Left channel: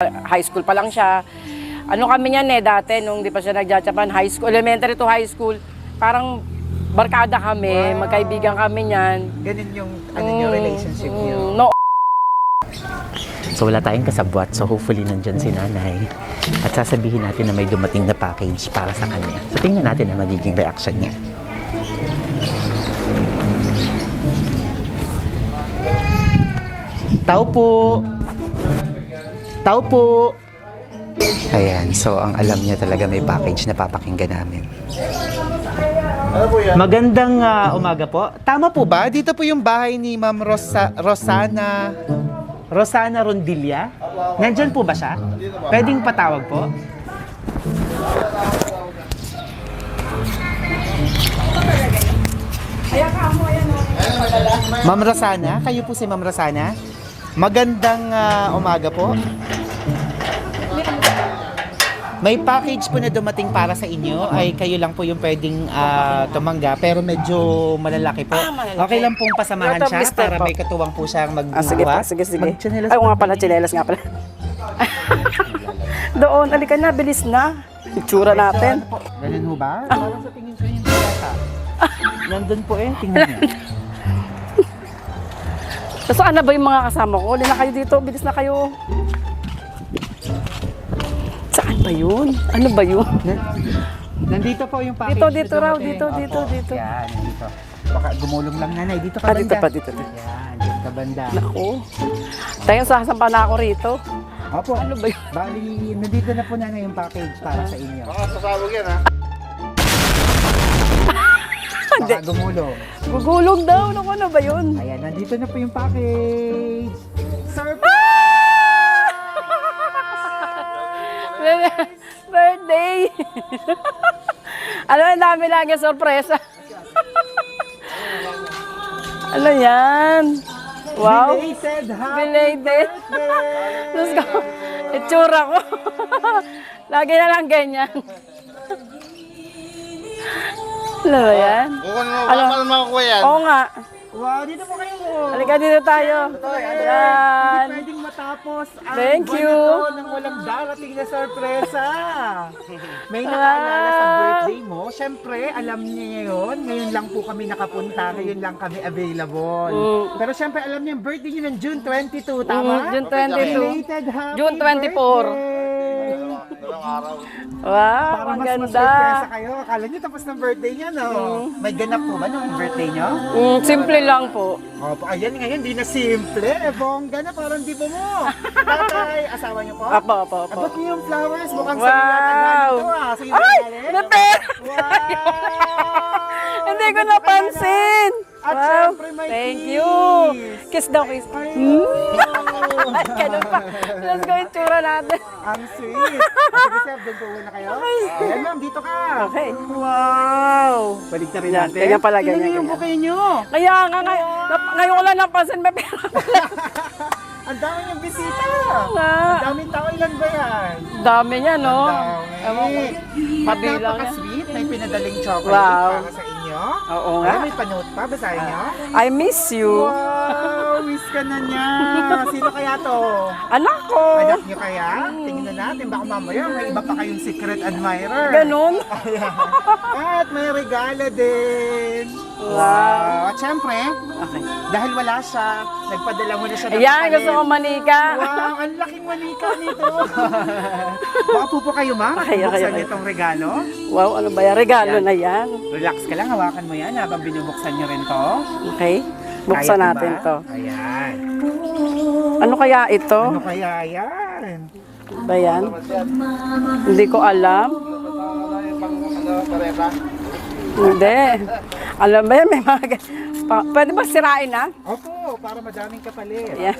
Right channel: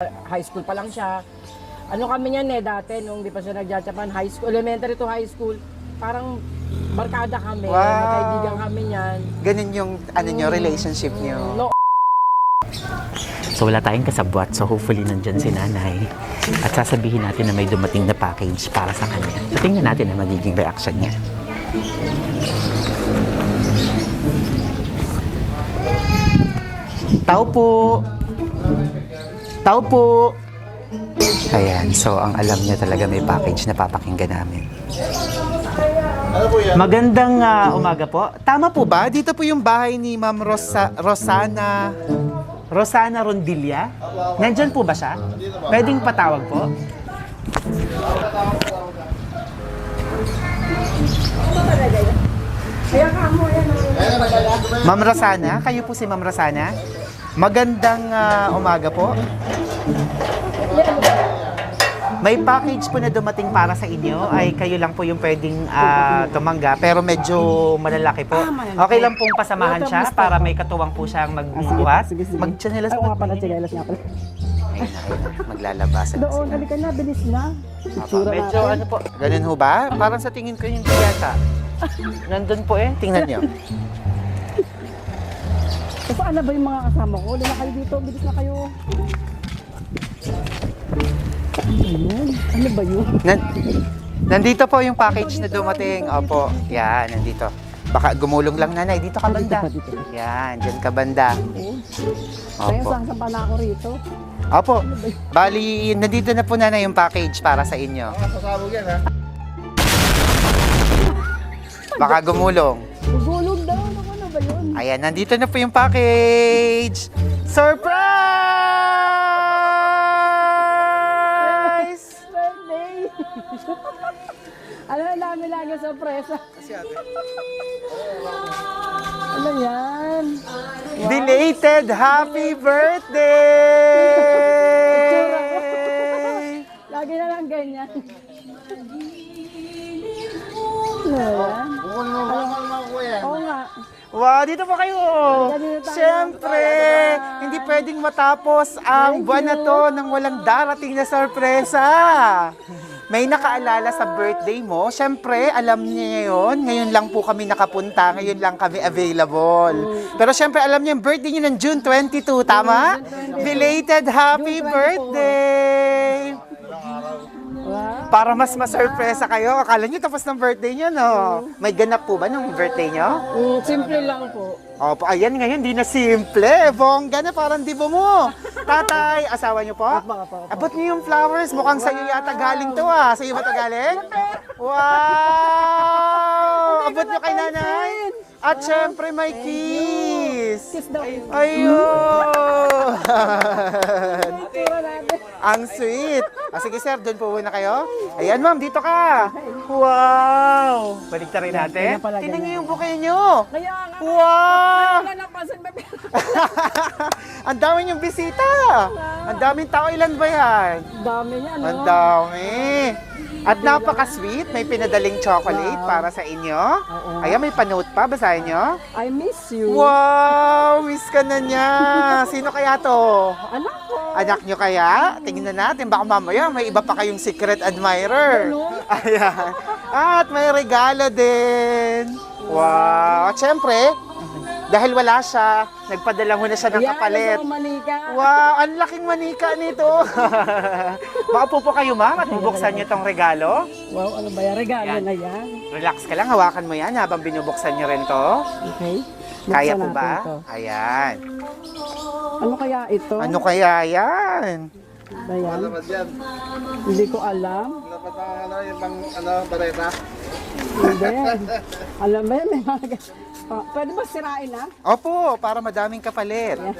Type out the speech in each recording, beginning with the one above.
High school pa lang siya. Ano kami niyan dati nung di pa siya nagja-Japan, high school, elementary to high school. Parang barkada kami, magkaibigan kami niyan. Ganun yung relationship niyo. No. So wala tayong kasabwat, so hopefully nandyan si nanay. At sasabihin natin na may dumating na package para sa kanya. So tingnan natin ang magiging reaction niya. Tao po! Tao po! Ayan, so ang alam niya talaga may package na papakinggan namin. Magandang umaga po. Tama po ba? Dito po yung bahay ni Ma'am Rosana Rondilla? Nandyan po ba siya? Pwedeng patawag po? Ma'am Rosana? Kayo po si Ma'am Rosana? Magandang umaga po. May package po na dumating para sa inyo. Ay kayo lang po yung pwedeng tumanggap. Pero medyo malalaki po. Okay lang pong pasamahan siya para may katuwang po siyang magbubuhat. Sige. Mag-chinelas Ay, nga pala, chinelas nga pala. Maglalabas. Doon, halika na, bilis na. Itsura natin. Ganun ho ba? Parang sa tingin ko yung yata. Nandun po tingnan niyo. So, saan na ba yung mga kasama ko? Huli na kayo dito, bilis na kayo. Saan ba yun? Ano ba yun? Nandito po yung package Dito, na dumating. dito. Yan, nandito. Baka gumulong lang nanay. Dito ka banda. Dito. Yan, dyan ka banda. Ako. Tayo sasampa na ako rito. Opo. Ano ba yun? Bali, nandito na po nanay yung package para sa inyo. Pasabog yan, ha? Baka gumulong. Gugulog daw. Ano ba yun? Ayan, nandito na po yung package. Surprise! Birthday! Ano, ang dami lang yung sorpresa. Ano yan? Wow. Belated happy birthday! Itsura ko. Lagi na lang ganyan. Ano ba yan? Bukon mo, baka naman makukuha yan. Oo nga. Wow, dito po kayo! Halika dito tayo. Siyempre! Ayan. Hindi pwedeng matapos ang Thank buwan you. na to nang walang darating na sorpresa. May nakaalala sa birthday mo. Siyempre, alam niya yun. Ngayon lang po kami nakapunta. Ngayon lang kami available. Pero siyempre, alam niya yung birthday niyo ng June 22, tama? June 22. Belated happy June 24. birthday! Wow. Para mas ang ganda. ma-surpresa kayo. Akala niyo tapos ng birthday niyo, no? May ganap po ba nung birthday niyo? Simple lang po. Opo, ayan ngayon, di na simple. Bongga na, parang dibo mo. Tatay, asawa niyo po? Apo. Abot niyo yung flowers. Mukhang sa'yo yata galing to Sa'yo ba ito galing? Wow! Hindi ko Abot niyo kay napansin. nanay. At Wow. syempre may Thank kiss. you. Kiss daw, kiss. Ayun! Let's go itsura natin. Ang sweet. Sige sir, doon po muna kayo. Ayan ma'am, dito ka. Okay. Wow! Balik na rin Yan, natin. ganyan pala, Tingnan niyo ganyan, yung ganyan. bouquet niyo. Kaya nga, ngayon wala napansin. May pera. Ang dami niyong bisita. Ang daming tao. Ilan ba yan? Dami niya, no? Ang dami. At Kabilang napaka-sweet. May pinadaling chocolate Wow. para sa inyo. Oo nga. Ayan, may panote pa. Basahin niyo. I miss you. Wow! Miss ka na niya. Sino kaya to? Anak ko. Anak niyo kaya? Tingnan natin. Baka mamaya may iba pa kayong secret admirer. Ganun. Ayan. At may regalo din. Wow. At syempre, Okay. dahil wala siya, nagpadala mo na siya ng Yan, kapalit. gusto ko manika. Wow, ang laking manika nito. Baka po kayo, Mar, at Okay. bubuksan niyo itong regalo. Wow, ano ba yan? Regalo Yan. na yan. Relax ka lang, hawakan mo yan habang binubuksan niyo rin to. Okay. Kaya Buksan to natin ba? to. Ayan. Ano kaya ito? Ano kaya yan? Ba yan? Hindi ko alam. Hindi. Alam ba yan? May mga... Pwede ba sirain na? Opo, para madaming kapalit. Yan.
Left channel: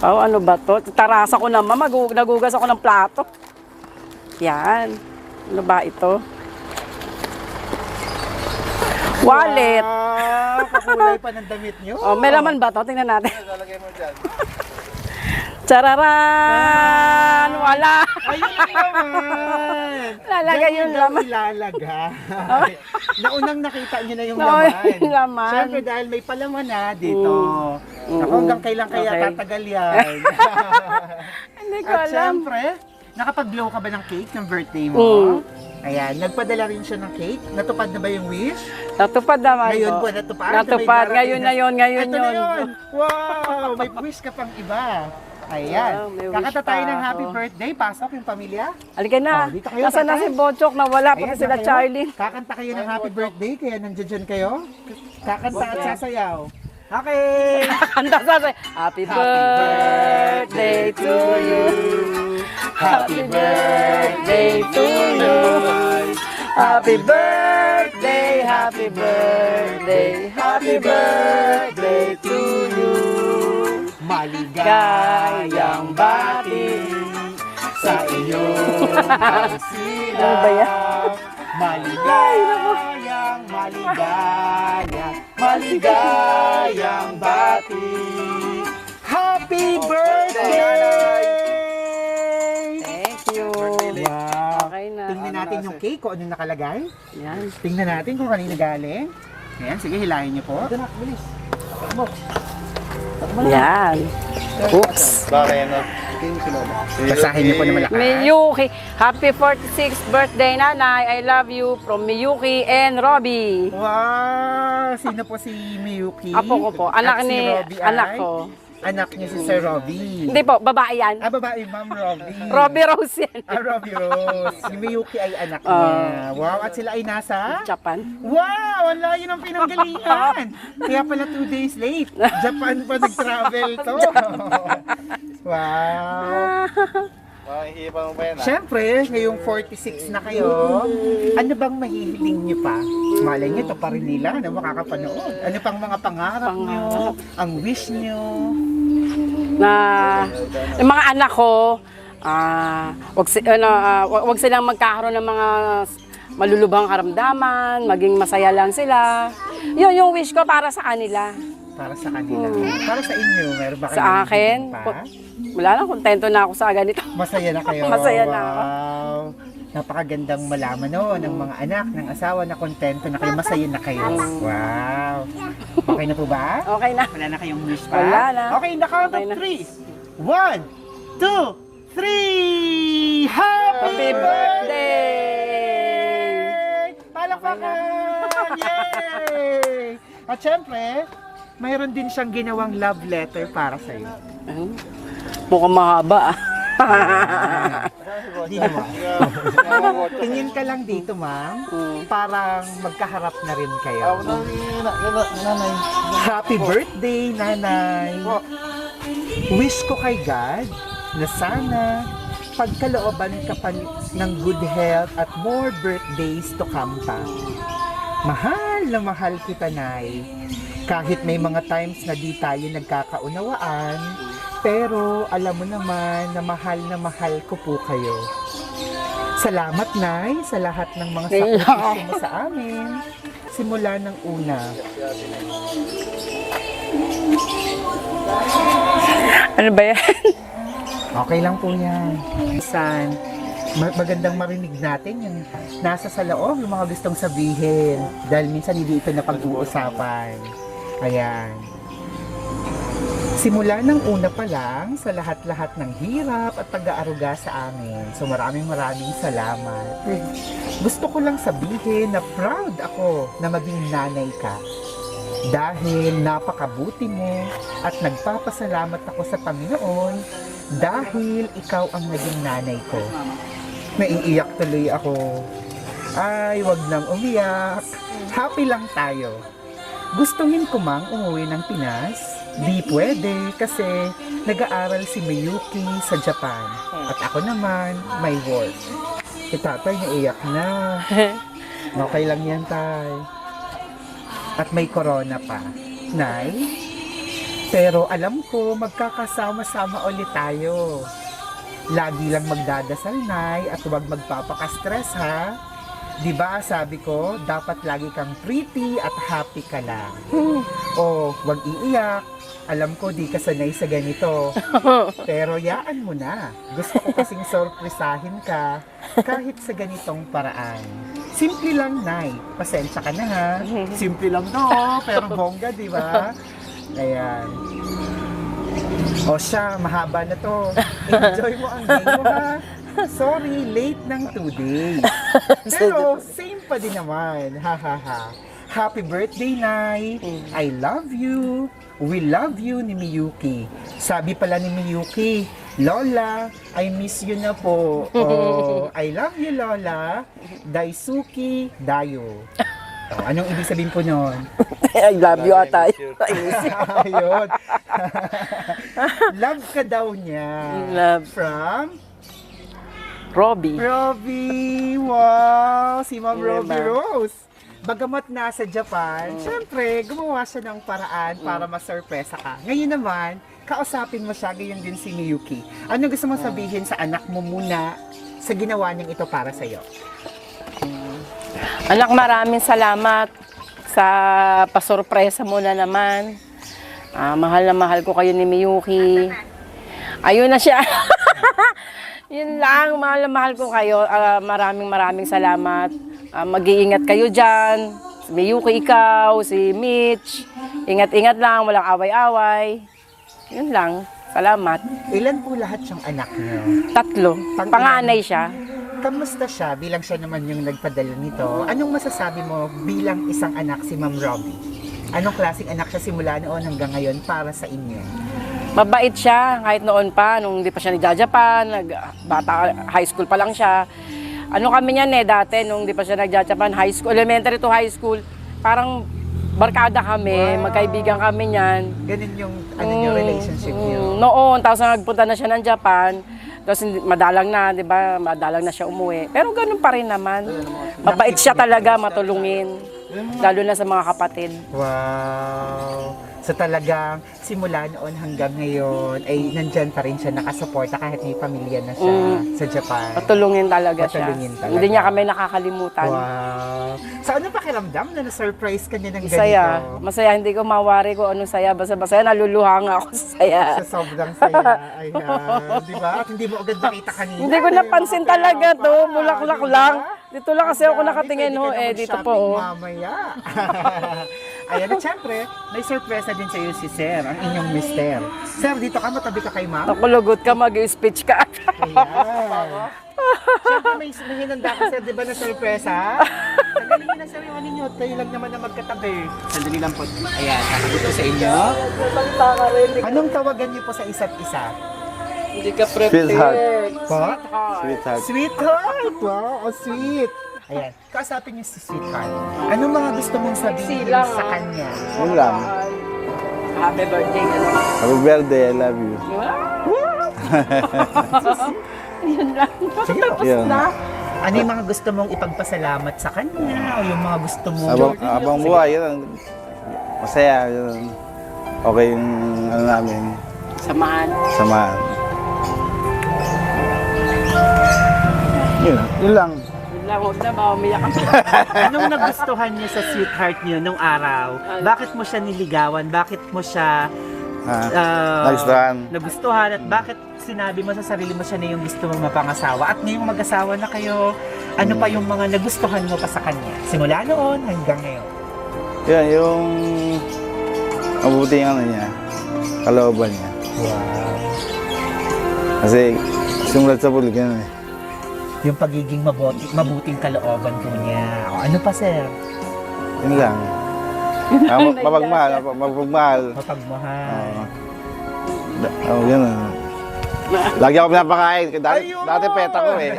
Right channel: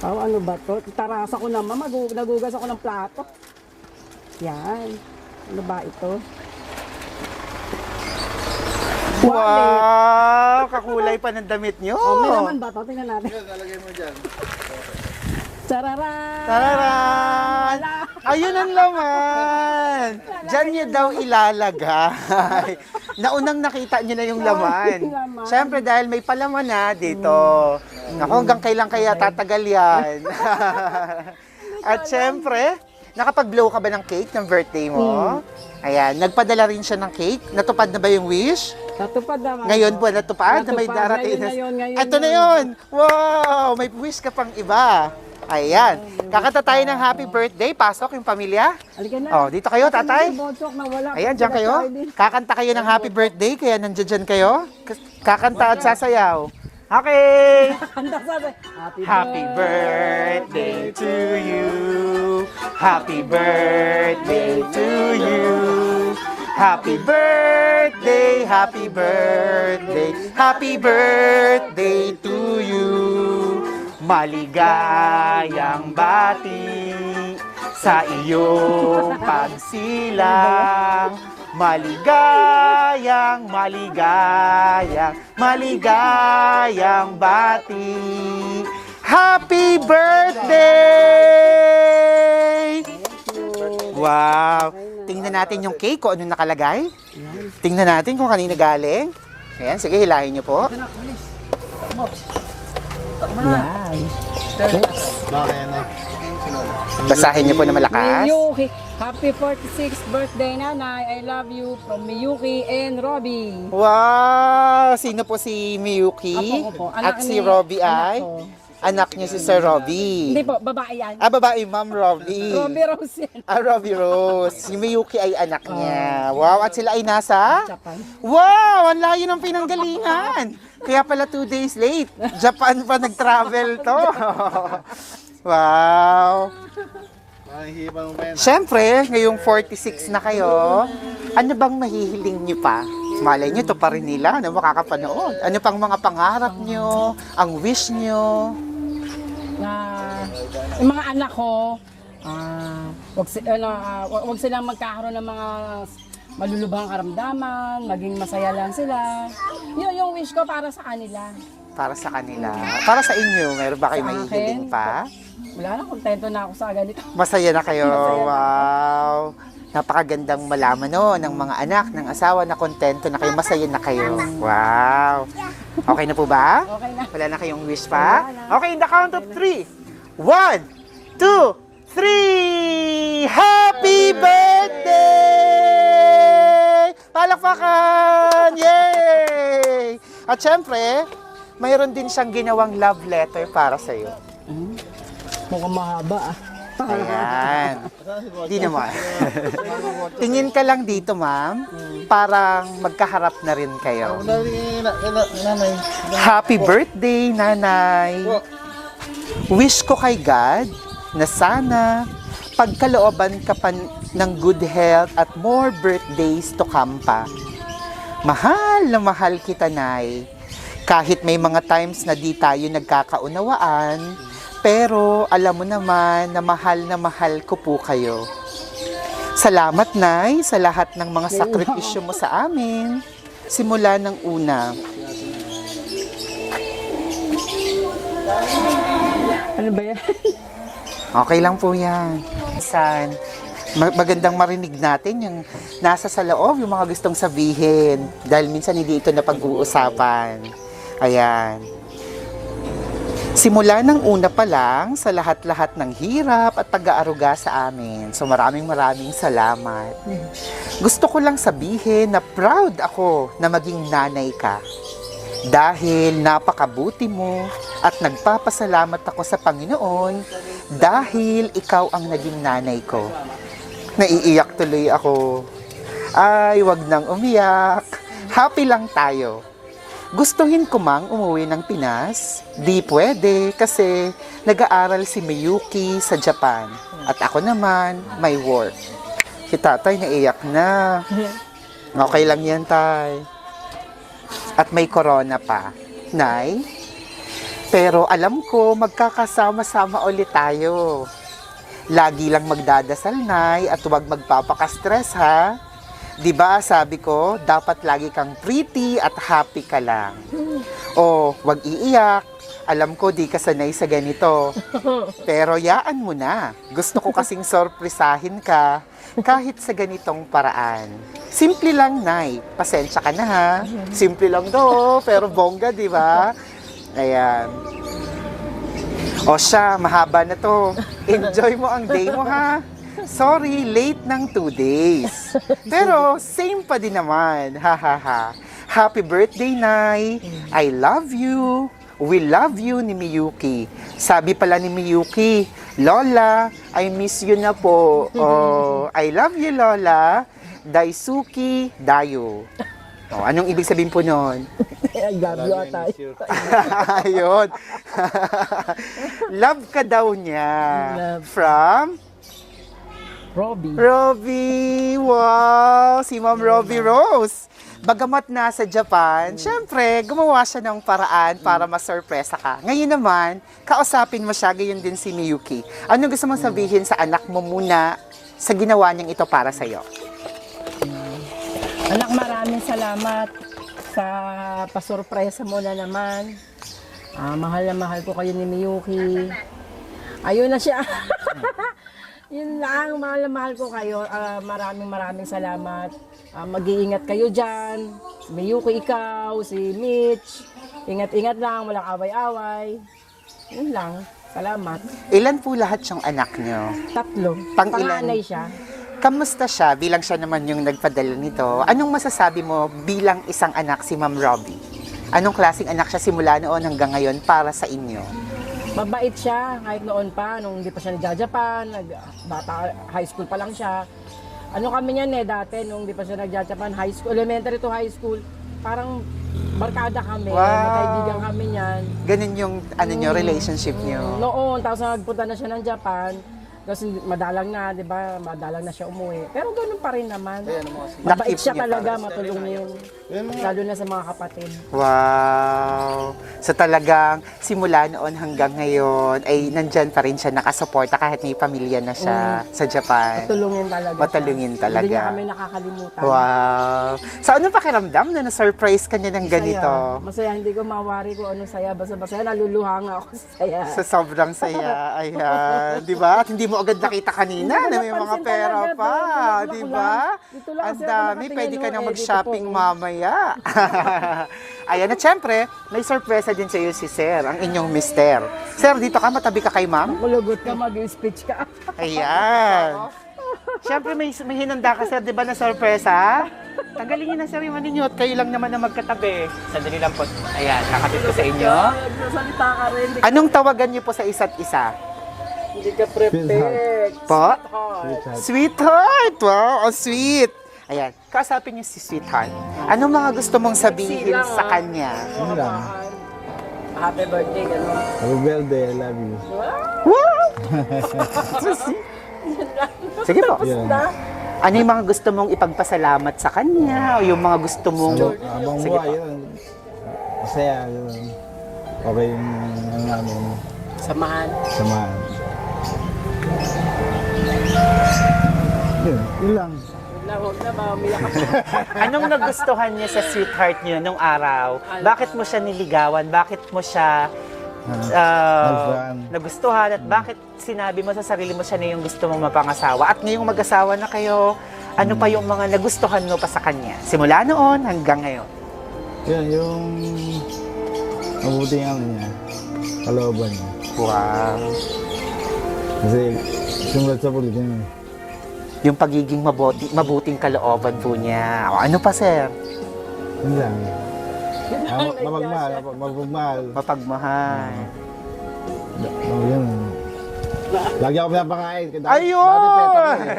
Oh, ano ba to? Tarasa ko naman. Nagugas ako ng plato. Yan. Ano ba ito? Wallet. Wow, kakulay pa ng damit niyo. Oh, may laman ba to? Tingnan natin. Lalagay mo dyan. Chararan! Wala. Ayun ang laman. Lalagay Diyan yun yung daw laman. ilalagay. Naunang nakita niyo na yung Oo, laman. yung laman. Siyempre dahil may palaman na dito. Ako hanggang kailan kaya Okay. tatagal yan. ko At alam. syempre, nakapag-blow ka ba ng cake ng birthday mo? Ayan, nagpadala rin siya ng cake. Natupad na ba yung wish? Natupad naman Ngayon po. po, natupad. Na may Natupad. darating Ngayon na yun. Ito na yun. Wow! May wish ka pang iba. Ayan. Wow, may Kakata wish tayo pa ng happy ako. birthday. Pasok yung pamilya. Halika na. Oh, dito kayo, Asan na tatay? si Bochok na wala pa Ayan, sila dyan kayo. Charlie. Kakanta kayo ng happy birthday, kaya nandiyan kayo. Kakanta at sasayaw. Okay! Kanta sa Happy Happy birthday to you. Happy birthday to you. Happy birthday, happy birthday, happy birthday to you. Maligayang bati sa iyong pagsilang. Maligayang bati. Happy birthday! Thank you. Wow! Okay na. Tingnan natin yung cake kung ano nakalagay. Yan. Tingnan natin kung kanino galing. Ayan, sige, hilahin niyo po. Yan. Oops. Bakit ano? Ito yung sinolo. Basahin niyo po na malakas. Miyuki, happy 46th birthday, Nanay. I love you from Miyuki and Robbie. Wow! Sino po si Miyuki? Apo ko po. At Anak si ni Robbie anak ay? ko. Anak niya si Sir Robbie. Hindi po, babae yan. Ah, babae, Ma'am Robbie. Robbie Rose yan. Ah, Robbie Rose. Si Miyuki ay anak niya. Wow, at sila ay nasa? Japan. Wow! Ang layo ng pinanggalingan. Kaya pala 2 days late. Japan pa nag-travel to. Wow! Mahihipan mo pa yan. Siyempre, ngayong 46 na kayo, ano bang mahihiling nyo pa? Malay nyo, to pa rin nila na makakapanood. Ano pang mga pangarap nyo? Ang wish nyo? Na yung mga anak ko, wag silang magkakaroon ng mga malulubhang karamdaman, maging masaya lang sila. Yun yung wish ko para sa kanila. Para sa kanila. Para sa inyo, meron ba kayo Sa akin, mahihiling pa? wala na, kontento na ako sa ganito. Masaya na kayo. Masaya na ako. Wow. Napakagandang malaman no, ng mga anak, ng asawa na kontento na kayo, masaya na kayo. Wow. Okay na po ba? Okay na. Wala na kayong wish pa? Wala na. Okay, in the count of Okay na. 3. 1, 2, 3! Happy birthday! Palakpakan! Yay! At syempre, mayroon din siyang ginawang love letter para sa iyo. Mukhang mahaba. Ayan. Hindi naman. Tingin ka lang dito, ma'am. Parang magkaharap na rin kayo. Nanay. Happy birthday, nanay. Wish ko kay God na sana pagkalooban ka pa ng good health at more birthdays to come pa. Mahal na mahal kita, Nay. Kahit may mga times na di tayo nagkakaunawaan, pero alam mo naman na mahal ko po kayo. Salamat, Nay, sa lahat ng mga sakripisyo mo sa amin. Simula ng una. Ano ba yan? Okay lang po yan. San, magandang marinig natin yung nasa sa loob, yung mga gustong sabihin. Dahil minsan hindi ito na pag-uusapan. Ayan. Simula ng una pa lang sa lahat-lahat ng hirap at pag-aaruga sa amin. So maraming salamat. Gusto ko lang sabihin na proud ako na maging nanay ka. Dahil napakabuti mo at nagpapasalamat ako sa Panginoon dahil ikaw ang naging nanay ko. Naiiyak tuloy ako. Ay, wag nang umiyak. Happy lang tayo. Gustuhin ko mang umuwi ng Pinas? Di pwede kasi nag-aaral si Miyuki sa Japan. At ako naman, may work. Si tatay naiyak na. Okay lang yan, tay. At may corona pa. Nay? Pero alam ko, magkakasama-sama ulit tayo. Lagi lang magdadasal, Nay, at huwag magpapaka-stress, ha? Diba, sabi ko, dapat lagi kang pretty at happy ka lang. O, wag iiyak. Alam ko, di ka sanay sa ganito. Pero yaan mo na. Gusto ko kasing sorpresahin ka kahit sa ganitong paraan. Simple lang, Nay. Pasensya ka na, ha? Simple lang to, pero bongga, di ba? Ayan. O siya, mahaba na to. Enjoy mo ang day mo, ha? Sorry, late ng 2 days. Pero, same pa din naman. Ha, ha, ha. Happy birthday, Nay. I love you. We love you ni Miyuki. Sabi pala ni Miyuki, Lola, I miss you na po. Oh, I love you, Lola. Daisuki Dayo. Oh, anong ibig sabihin po nun? I love you ata. Ayun. Love ka daw niya. Love. From Robbie. Robbie. Wow, si Ma'am Robbie Rose. Bagamat nasa Japan, syempre, gumawa siya ng paraan para masurpresa ka. Ngayon naman, kausapin mo siya, gayon din si Miyuki. Ano gusto mong sabihin sa anak mo muna sa ginawa niyang ito para sa'yo? Anak, maraming salamat sa pasurpresa mo na naman. Mahal na mahal ko kayo ni Miyuki. Ayun na siya. Yun lang, mahal na mahal ko kayo. Maraming salamat. Mag-iingat kayo dyan. Si Miyuki, ikaw, si Mitch. Ingat-ingat lang, walang away-away. Yun lang. Salamat. Ilan po lahat yung anak niyo? 3. Pang-ilan? Panganay siya. Kamusta siya bilang siya naman yung nagpadala nito? Anong masasabi mo bilang isang anak si Ma'am Robbie? Anong klaseng anak siya simula noon hanggang ngayon para sa inyo? Mabait siya kahit noon pa, nung hindi pa siya nagja-Japan, bata, high school pa lang siya. Ano kami niyan dati, nung hindi pa siya nagja-Japan, high school, elementary to high school, parang barkada kami, magkaibigan kami niyan. Ganun yung niyo, relationship niyo? Noon, tapos nagpunta na siya ng Japan, tapos madalang na, di ba, madalang na siya umuwi. Pero ganun pa rin naman. Mabait siya talaga, matulungin. Lalo na sa mga kapatid. Wow! So talagang simula noon hanggang ngayon ay nandyan pa rin siya nakasuporta kahit may pamilya na siya sa Japan. Matulungin talaga Matulungin siya. talaga. Hindi niya kami nakakalimutan. Wow! So ano pakiramdam na na-surprise ka niya ng ganito? Saya. Masaya. Hindi ko mawari kung anong saya. Basta masaya. Naluluha nga ako sa saya. Sa sobrang saya. Ayan. Di ba? At hindi mo agad nakita kanina. Hindi ko na may napansin mga pera talaga pa. to. Bulaklak Di ba? lang. Dito lang kasi Ang ako dami. nakatingin. Pwede ka na Dito po. mag-shopping mamaya. Ayan, at syempre, may sorpresa din sa iyo si Sir, ang inyong mister. Sir, dito ka, matabi ka kay ma'am. Nakulugot ka, mag-speech ka. Ayan. Syempre, may hinanda ka, Sir, di ba, na sorpresa? Tagalin niyo na, Sir, yung ninyo at kayo lang naman na magkatabi. Sandali lang po. Ayan, nakabit ko sa inyo. Salita ka rin. Anong tawagan niyo po sa isa't isa? Hindi ka prepared. Sweetheart. Po? Sweetheart. Sweetheart! Wow, oh, sweet! Ayan, kausapin niyo si Sweetheart. Anong mga gusto mong sabihin Sexy lang, sa kanya? Yun lang. Happy birthday. Gano'n. Happy birthday, I love you. Wow! Yun lang. Sige po. Yun. Ano yung mga gusto mong ipagpasalamat sa kanya? O yung mga gusto mong... Abang buhay, yun. Masaya, yun. Okay yung ano namin, Samahan. samahan. Yun lang. Yun lang. Huwag na ba? Umiyak ako. Anong nagustuhan niyo sa Sweetheart niyo nung araw? Bakit mo siya niligawan? Bakit mo siya Nagustuhan. nagustuhan? At bakit sinabi mo sa sarili mo siya na yung gusto mong mapangasawa? At ngayong mag-asawa na kayo, ano pa yung mga nagustuhan mo pa sa kanya? Simula noon hanggang ngayon. Yan, yung mabuti yung ano niya, kalooban niya. Wow. Kasi sumulat sa pulig yan eh. Yung pagiging mabuting kalooban po niya. O, ano pa, sir? Yun lang. Mapagmahal, mapagmahal. Mapagmahal. Yun. Lagi ako pinapakain. Ayun! Dati peta ko eh.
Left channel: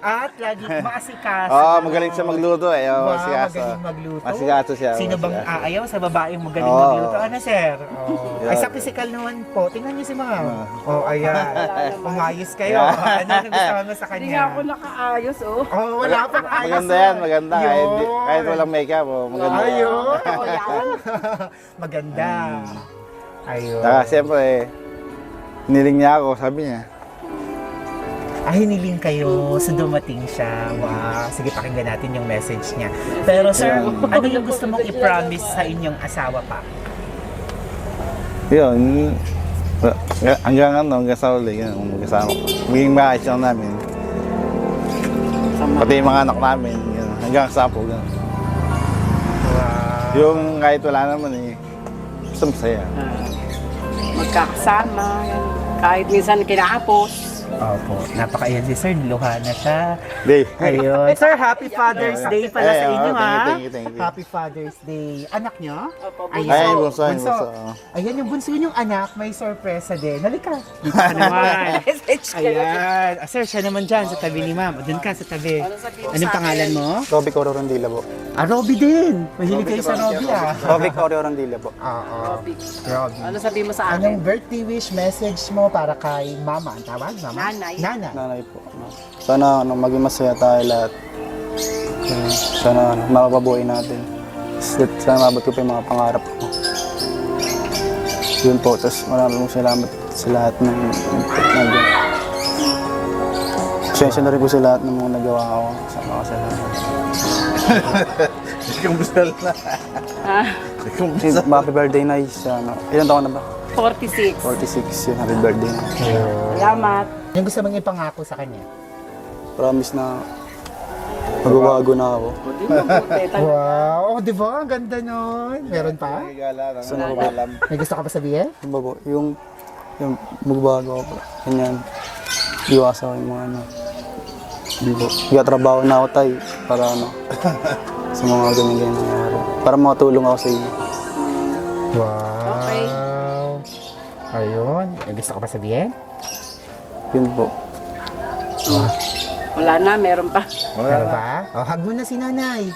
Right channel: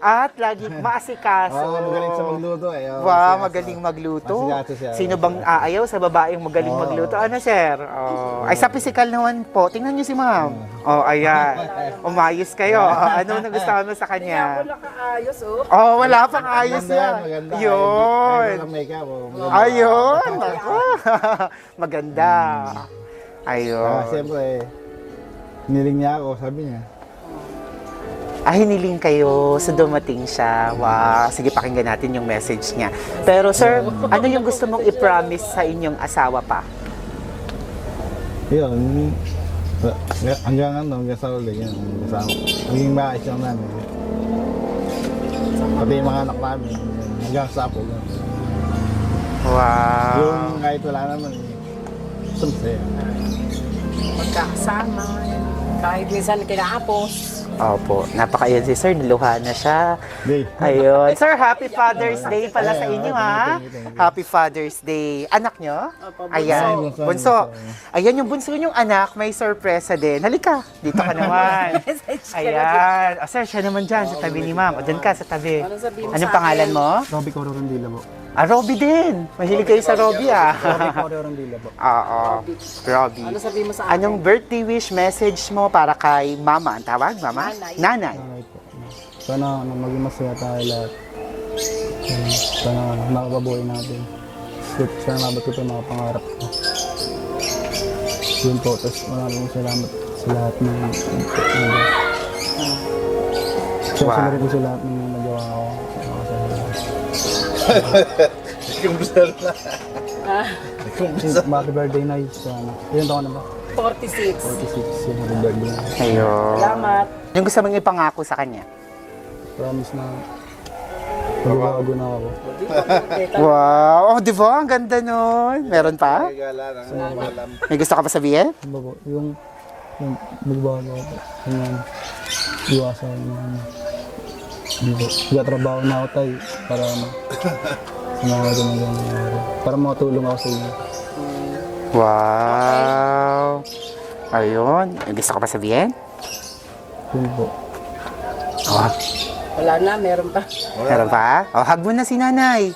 At lagi maasikaso. Oo, magaling siya magluto eh. Oo, Wow, asikaso. magaling magluto. Asikaso siya. Sino bang aayaw sa babaeng magaling Oo. magluto? Ano, sir? Oh. Ay, sa physical naman po. Tingnan niyo si ma'am. Oh, ayan. Umayos kayo. Ano nagustuhan mo sa Hindi nga ako kanya? nakaayos, oh. Oh, wala pang ayos. Maganda yan, maganda. Kahit Yun. walang makeup, oh, maganda. Ayun. Maganda. Ayun. Saka siyempre, niling niya ako, sabi niya. Hiniling kayo sa dumating siya. Wow. Sige, pakinggan natin yung message niya. Pero sir, ano yung gusto mong i-promise sa inyong asawa pa? Yun, hanggang sa uli, yun, kasama. Maging maayos lang namin. Pati yung mga anak namin, yun, hanggang sa po. Yun. Wow. Yung kahit wala naman eh, gusto masaya. magkakasama. Yan. Kahit minsan kinahapos. Opo, napakaayan si Sir, niluha na siya. Day. Ayun. Sir, Happy Father's Day pala sa inyo, ha? Thank you. Happy Father's Day. Anak nyo? Opo, Ayan, bunso. bunso. Ayan, yung bunso yung anak, may sorpresa din. Halika. Dito ka naman. Ayan. O, sir, siya naman dyan sa tabi ni ma'am. O, dyan ka sa tabi. Anong pangalan mo? Robic Oro Rondilla po. Ah, Robby din. Mahilig kayo sa Robby, ah. Robic Oro Rondilla po. Oo, Robby. Ano sabihin mo sa akin? Anong birthday wish message mo para kay mama? Ang tawag, mama? Nanay. Nanay. Nanay po. Sana maging masaya tayo lahat. Sana mapapabuhay natin. Sana mabot ko pa yung mga pangarap ko. Yun po. Tapos maraming salamat sa lahat ng Pasensya na rin po sa lahat ng mga nagawa ko sa mga kasalanan. Kumbusal na. Happy birthday na sana. Ilan taon na ba? 46. 46 yun. Happy birthday na. Salamat. Yung gusto mong ipangako sa kanya? Promise na magbabago na ako. Wow! Oh, di ba? Ang ganda nun. Meron pa? Sana May gusto ka pa sabihin? ano ba po? Yung magbabago ako. Ganyan. Iwasan ko yung mga ano. Hindi po. Trabaho na ako tayo para ano. Sa mga ganyan nangyayari. Para makatulong ako sa inyo. Wow! Ayun. May gusto ka pa sabihin? Yun po. Wala na, meron pa. Meron pa? Oh, hug mo na si nanay.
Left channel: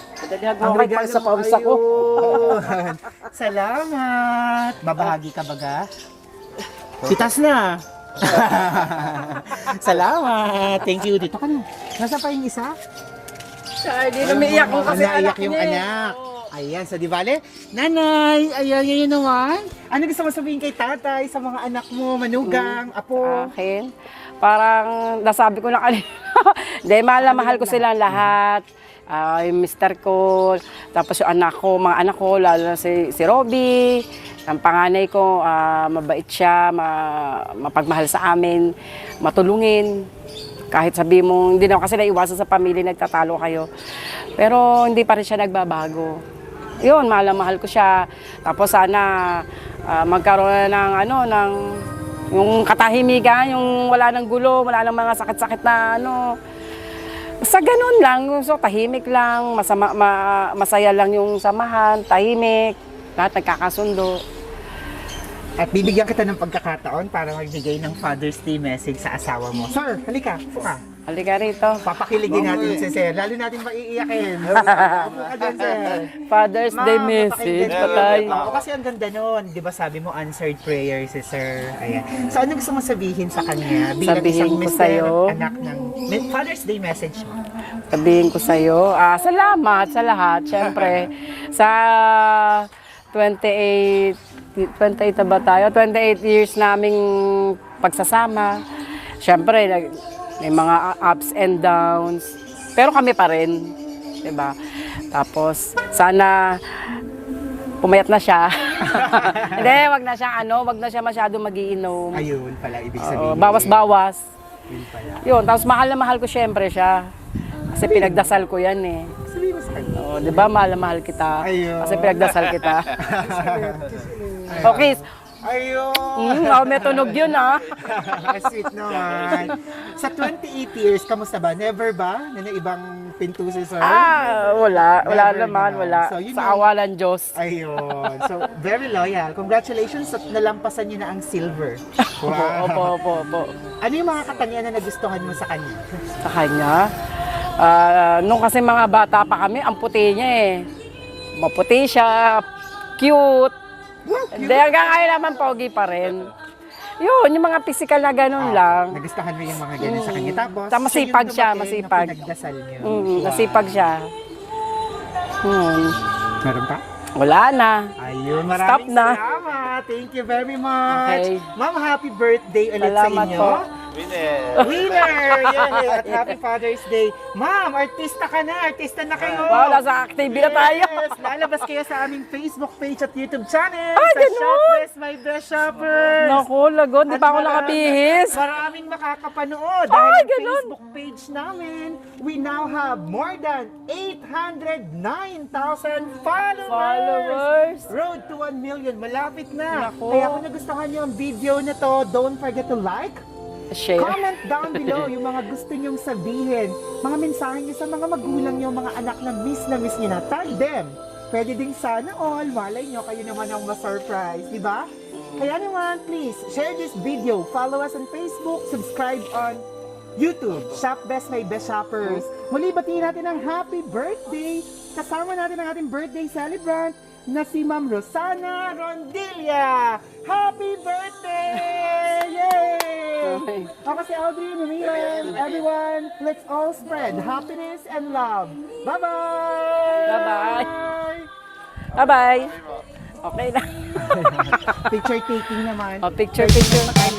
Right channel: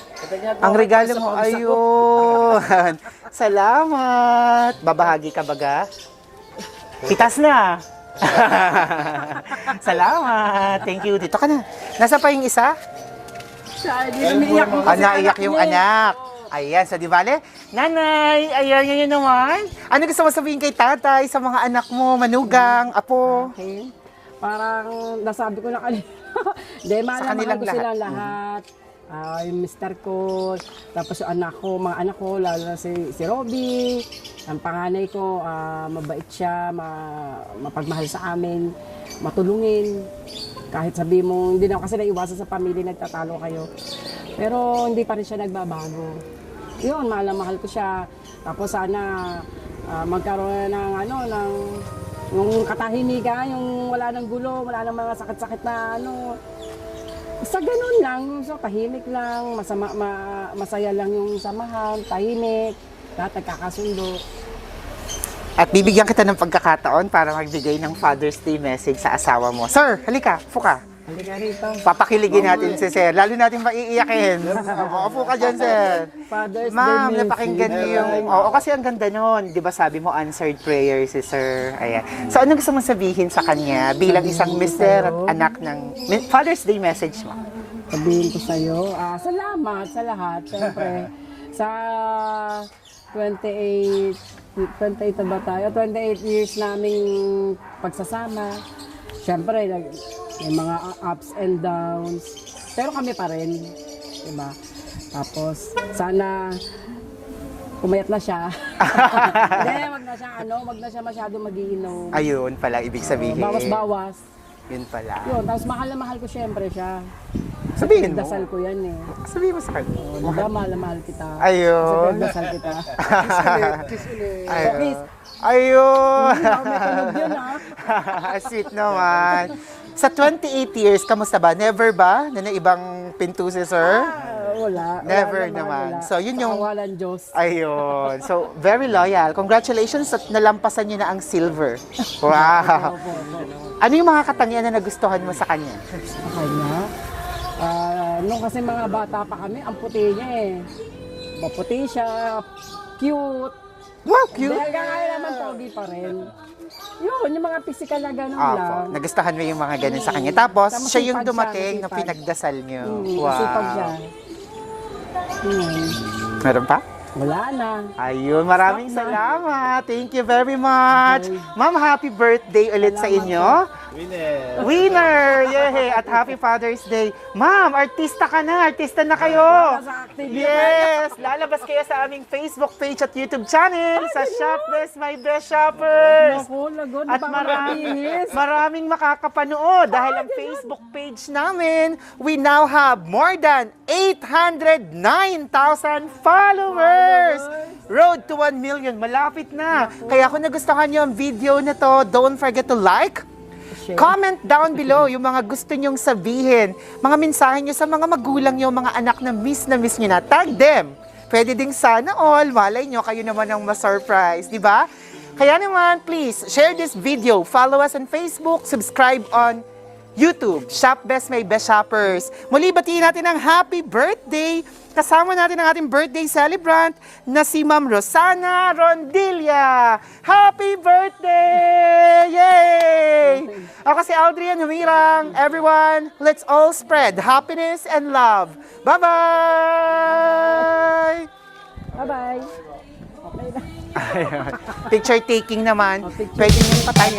Ang regalo mo, ayun. Salamat. Babahagi ka baga? Kitas na. Salamat. Thank you. Dito ka na. Nasa pa yung isa? Siya, di umiiyak mo kasi Naiyak yung niya. anak. Ayan, so di bale? Nanay, ayan yun naman. Ano gusto mo sabihin kay tatay sa mga anak mo, manugang, apo? Akin. Parang nasabi ko na kanina. Hindi, mahal na Sa mahal ko kanilang silang lahat. Yung mister ko, tapos yung anak ko, mga anak ko, lalo na si Robby. Ang panganay ko, mabait siya, mapagmahal sa amin, matulungin. Kahit sabi mo, hindi naman kasi naiwasan sa pamilya, nagtatalo kayo. Pero hindi pa rin siya nagbabago. Yun, mahal na mahal ko siya. Tapos sana magkaroon na ng yung katahimikan, yung wala ng gulo, wala ng mga sakit-sakit na Sa ganun lang, so tahimik lang, masaya lang yung samahan, tahimik, lahat nagkakasundo. At bibigyan kita ng pagkakataon para magbigay ng Father's Day message sa asawa mo. Sir, halika, upo ka. Halika rito. Papakiligin natin si Sir. Lalo natin maiiyakin. Upo ka dyan, Sir. Father's Day Ma'am, message. napakinggan ko yun. Oo, kasi ang ganda nun. Di ba sabi mo, answered prayer si Sir. Ayan. So, anong gusto mong sabihin sa kanya bilang Sabihin isang ko mister sa'yo. at anak ng Father's Day message mo? Sabihin ko sa'yo, salamat sa lahat. Siyempre, sa 28 na ba tayo? 28 years naming pagsasama. Siyempre, may mga ups and downs. Pero kami pa rin. Diba? Tapos, sana pumayat na siya. Hindi, wag na siya masyado magiinom. Ayun pala, ibig sabihin. Bawas-bawas. Yun pala. Yun, tapos mahal na mahal ko siyempre siya. Kasi Sabihin pinagdasal ko yan eh. Sabihin mo sa kanya. Oh, di ba mahal na mahal kita? Ayun. Kasi pinagdasal kita. Ayun. Okay. Ayun. May tunog yun ah. Sweet naman. Sa 28 years, kamusta ba? Never ba na ibang pinto si Sir? Wala. Wala Never naman, naman. wala. So, yun Sa yung- awalan Diyos. Ayun. So, very loyal. Congratulations at nalampasan niyo na ang silver. Opo, Wow. opo. Ano yung mga katangian na nagustuhan mo sa kanya? Sa kanya. Nung kasi mga bata pa kami, ang puti niya eh. Maputi siya, cute. Wow, Hindi, hanggang ngayon naman pogi pa rin. Yun, yung mga physical na ganun lang. Nagustuhan mo yung mga ganun sa kanya. Tapos, Tapos siya yung masipag siya, dumating na masipag. pinagdasal niyo. Masipag siya. Meron pa? Wala na. Ayun, maraming Stop na. salamat. Thank you very much. Okay. Ma'am, happy birthday ulit sa Salamat inyo. po. Winner! Yay! At Happy Father's Day. Ma'am, artista ka na. Artista na kayo. Wala sa active na tayo. Yes! Lalabas kayo sa aming Facebook page at YouTube channel. Ay, sa ganun? Shop Best My Best Shoppers. Naku, lagot. Di At pa ako marami- nakabihis. Maraming makakapanood dahil Ay, ang ganun. Facebook page namin, we now have more than 809,000 followers. Road to 1 million. Malapit na. Naku. Kaya kung nagustuhan nyo ang video na to, don't forget to like, Share. comment down below yung mga gusto nyong sabihin, mga mensahe nyo sa mga magulang nyo, mga anak na miss nyo na. Tag them. Pwede ding sana all. Malay nyo, kayo naman ang ma-surprise, di ba? Kaya naman, please, share this video. Follow us on Facebook. Subscribe on YouTube. Shop Best My Best Shoppers. Muli, batiin natin ang happy birthday. Kasama natin ang ating birthday celebrant na si Ma'am Rosana Rondilla. Happy birthday! Yay! Ako si Aldrian Humirang. Everyone, let's all spread happiness and love. Bye-bye! Bye-bye. Okay na. Picture taking naman. Oh, picture Pwede nyo patayin.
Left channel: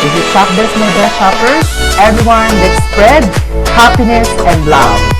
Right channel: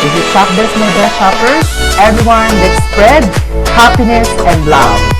This is Shop Best My Best Shoppers. Everyone, let's spread happiness and love.